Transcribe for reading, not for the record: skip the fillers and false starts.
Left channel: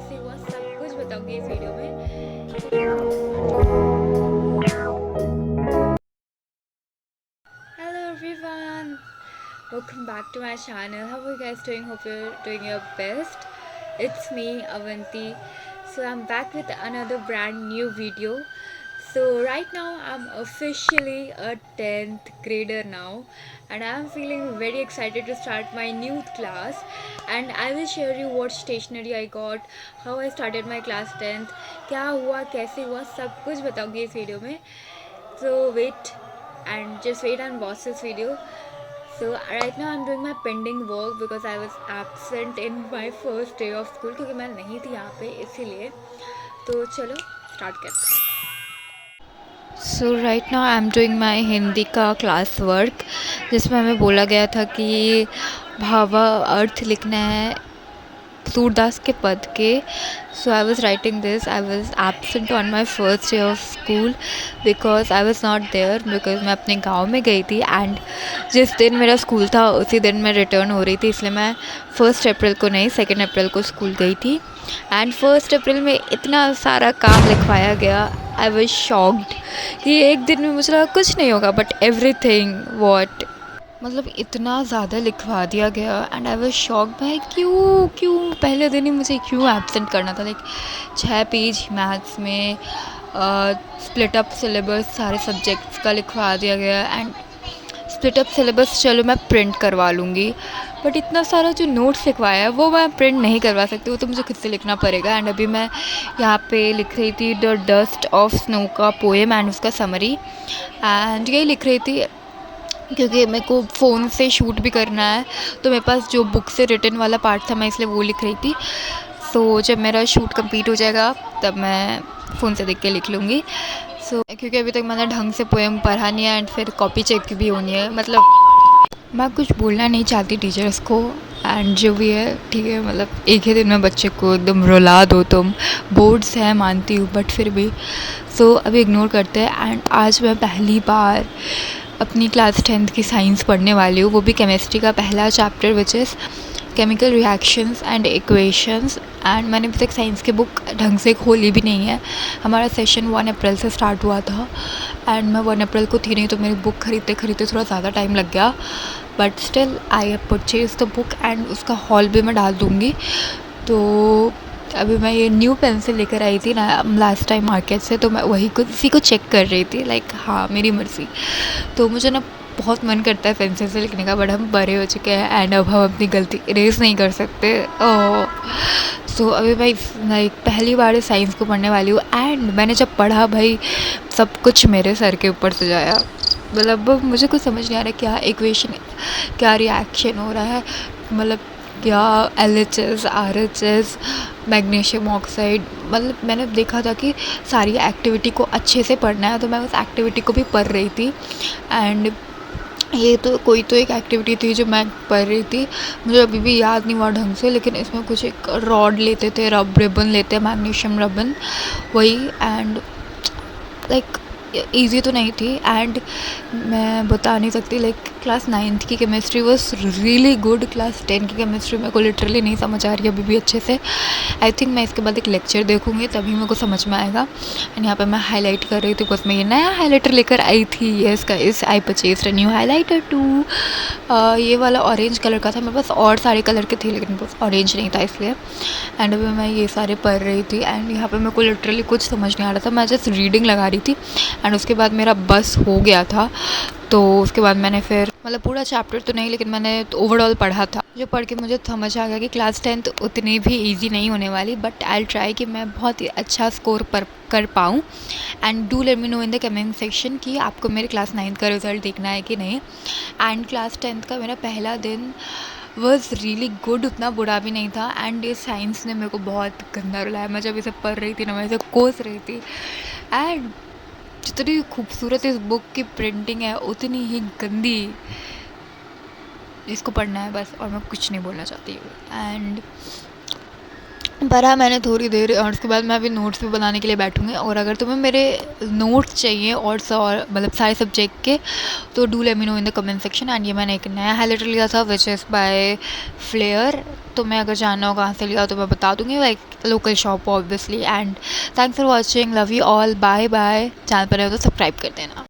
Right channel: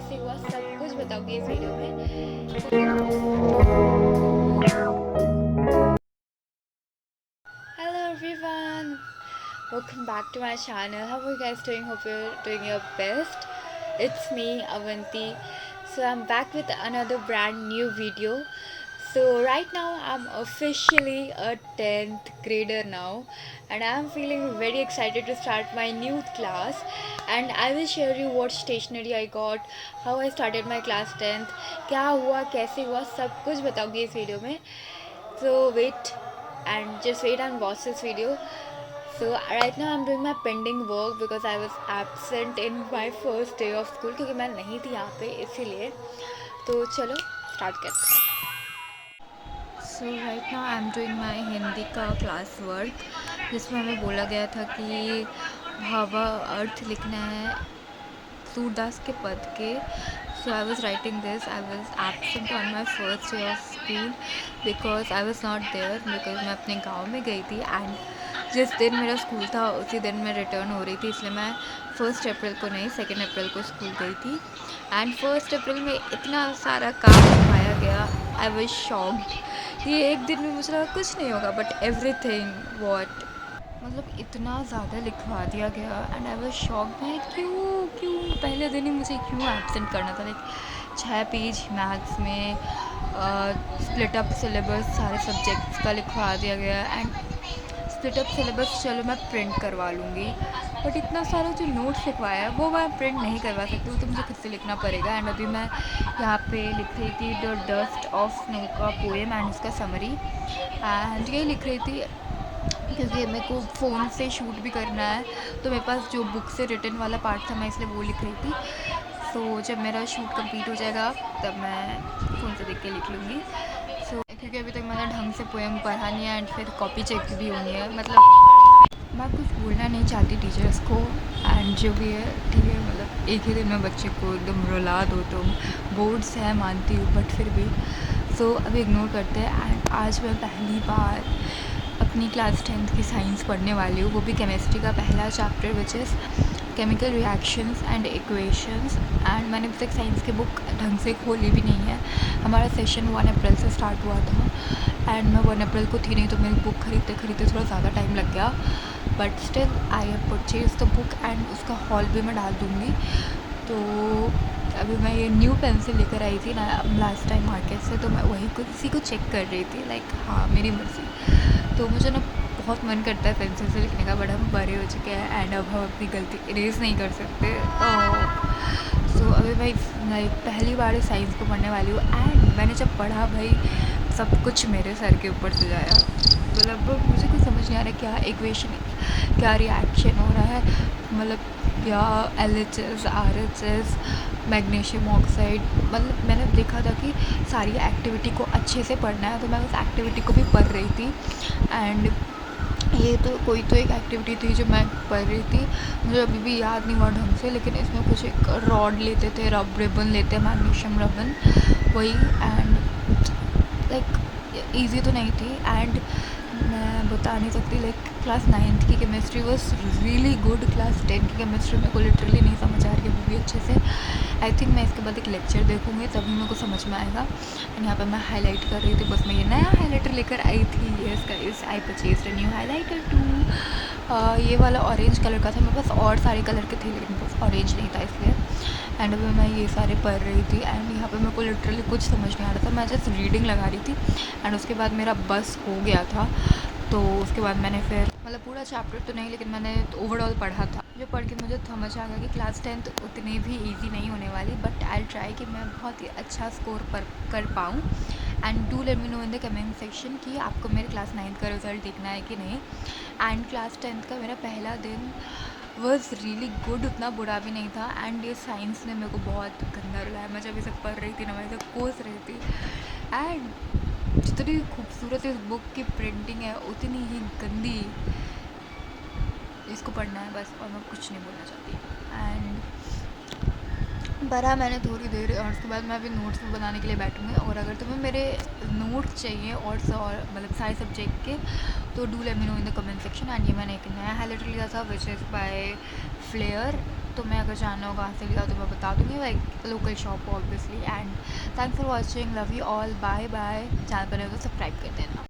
कैसे हुआ सब कुछ बताऊंगी इस वीडियो में। Hello everyone, welcome back to my channel. How are you guys doing? Hope you're doing your best. It's me Avanti. So I'm back with another brand new video. So right now I'm officially a 10th grader now, and I'm feeling very excited to start my new class. And I will share you what stationery I got, how I started my class 10th, क्या हुआ कैसे हुआ सब कुछ बताऊंगी इस video में. So wait and watch this video. So right now I'm doing my pending work because I was absent in my first day of school, क्योंकि मैं नहीं थी यहाँ पे, इसीलिए. तो चलो स्टार्ट करते हैं. So right now I am doing my Hindi का क्लास वर्क, जिसमें हमें बोला गया था कि भावा अर्थ लिखना है सूरदास के पद के. So I was writing this. I was absent on my first day of school because I was not there, because मैं अपने गाँव में गई थी. एंड जिस दिन मेरा स्कूल था उसी दिन मैं रिटर्न हो रही थी, इसलिए मैं 1 अप्रैल को नहीं 2 अप्रैल को स्कूल गई थी. एंड 1 अप्रैल में इतना सारा काम लिखवाया गया. आई वॉज शॉक्ड कि एक दिन में मुझे लगा कुछ नहीं होगा, बट एवरीथिंग वॉट, मतलब इतना ज़्यादा लिखवा दिया गया. एंड आई वॉज शॉक भाई, क्यों पहले दिन ही मुझे क्यों एब्सेंट करना था. लाइक 6 पेज मैथ्स में स्प्लिट अप सिलेबस सारे सब्जेक्ट्स का लिखवा दिया गया. एंड स्प्लिट अप सिलेबस चलो मैं प्रिंट करवा लूँगी, बट इतना सारा जो नोट्स लिखवाया है वो मैं प्रिंट नहीं करवा सकती, वो तो मुझे खुद से लिखना पड़ेगा. एंड अभी मैं यहाँ पे लिख रही थी द डस्ट ऑफ स्नो का पोएम एंड उसका समरी. एंड यही लिख रही थी क्योंकि मेरे को फ़ोन से शूट भी करना है, तो मेरे पास जो बुक से रिटन वाला पार्ट था मैं इसलिए वो लिख रही थी. सो जब मेरा शूट कंप्लीट हो जाएगा तब मैं फ़ोन से देख के लिख लूँगी. सो क्योंकि अभी तक मैंने ढंग से पोएम पढ़ा नहीं है एंड फिर कॉपी चेक भी होनी है. मतलब मैं कुछ बोलना नहीं चाहती टीचर्स को, एंड जो भी है ठीक है. मतलब एक ही दिन में बच्चे को एकदम रुला दो तुम. बोर्ड्स है मानती हूँ, बट फिर भी. सो अभी इग्नोर करते हैं. एंड आज मैं पहली बार अपनी क्लास 10th की साइंस पढ़ने वाली हूँ, वो भी केमिस्ट्री का पहला chapter which is chemical reactions and equations. And मैंने अभी तक साइंस की बुक ढंग से खोली भी नहीं है. हमारा सेशन 1 अप्रैल से स्टार्ट हुआ था एंड मैं 1 अप्रैल को थी नहीं, तो मेरी बुक खरीदते थोड़ा ज़्यादा टाइम लग गया. But still I have purchase the book and उसका हॉल भी मैं डाल दूँगी. तो अभी मैं ये न्यू पेंसिल लेकर आई थी ना लास्ट टाइम मार्केट से, तो मैं वही कुछ इसी को चेक कर रही थी. लाइक हाँ, मेरी मर्ज़ी. तो मुझे ना बहुत मन करता है पेंसिल से लिखने का, बट हम बड़े हो चुके हैं एंड अब हम अपनी गलती इरेज नहीं कर सकते. सो अभी भाई लाइक पहली बार साइंस को पढ़ने वाली हूँ. एंड मैंने जब पढ़ा भाई सब कुछ मेरे सर के ऊपर से जाया. मतलब मुझे कुछ समझ नहीं आ रहा क्या इक्वेशन, क्या रिएक्शन हो रहा है, मतलब क्या LHS RHS मैग्नीशियम ऑक्साइड. मतलब मैंने देखा था कि सारी एक्टिविटी को अच्छे से पढ़ना है, तो मैं उस एक्टिविटी को भी पढ़ रही थी. एंड ये तो कोई तो एक एक्टिविटी थी जो मैं पढ़ रही थी, मुझे अभी भी याद नहीं हुआ ढंग से, लेकिन इसमें कुछ एक रॉड लेते थे, रिबन लेते हैं, मैग्नीशियम रिबन वही. एंड लाइक ईजी तो नहीं थी. एंड मैं बता नहीं सकती, लाइक क्लास 9th की chemistry was really good. Class 10 की केमिस्ट्री मेरे को लिटरली नहीं समझ आ रही है अभी भी अच्छे से. आई थिंक मैं इसके बाद एक लेक्चर देखूँगी तभी मेरे को समझ में आएगा. एंड यहाँ पे मैं हाईलाइट कर रही थी, बस मैं ये नया हाईलाइटर लेकर आई थी. Yes guys, I purchased a new highlighter too. ये वाला ऑरेंज कलर का था, मेरे पास और सारे कलर के थे लेकिन बस ऑरेंज नहीं था इसलिए. एंड अभी मैं ये सारे पढ़ रही थी. एंड यहाँ पे मेरे को लिटरली कुछ समझ नहीं आ रहा था, मैं जस्ट रीडिंग लगा रही थी. एंड उसके बाद मेरा बस हो गया था, तो उसके बाद मैंने फिर मतलब पूरा चैप्टर तो नहीं लेकिन मैंने ओवरऑल पढ़ा था, जो पढ़ के मुझे समझ आ गया कि क्लास 10th उतनी भी इजी नहीं होने वाली. बट आई ट्राई कि मैं बहुत ही अच्छा स्कोर कर पाऊँ. And do let me know in the comment section कि आपको मेरे क्लास 9th का रिज़ल्ट देखना है कि नहीं. एंड क्लास 10th का मेरा पहला दिन वॉज रियली गुड, उतना बुरा भी नहीं था. एंड ये साइंस ने मेरे को बहुत गंदा रुलाया. मैं जब इसे पढ़ रही थी ना, मैं इसे कोस रही थी. एंड जितनी खूबसूरत इस बुक की प्रिंटिंग है उतनी ही गंदी इसको पढ़ना है बस, और मैं कुछ नहीं बोलना चाहती हूँ. एंड पढ़ा मैंने थोड़ी देर और उसके बाद मैं अभी नोट्स भी बनाने के लिए बैठूँगी. और अगर तुम्हें मेरे नोट्स चाहिए और मतलब सारे सब्जेक्ट के, तो do let me know in the comment section. And ये मैंने एक नया हाईलाइटर लिया था विच इज़ बाय फ्लेयर. तुम्हें अगर जानना हो कहाँ से लिया तो मैं बता दूँगी, like local shop obviously. And thanks for watching, love you all, bye bye. Channel पर रहे हो तो सब्सक्राइब कर देना।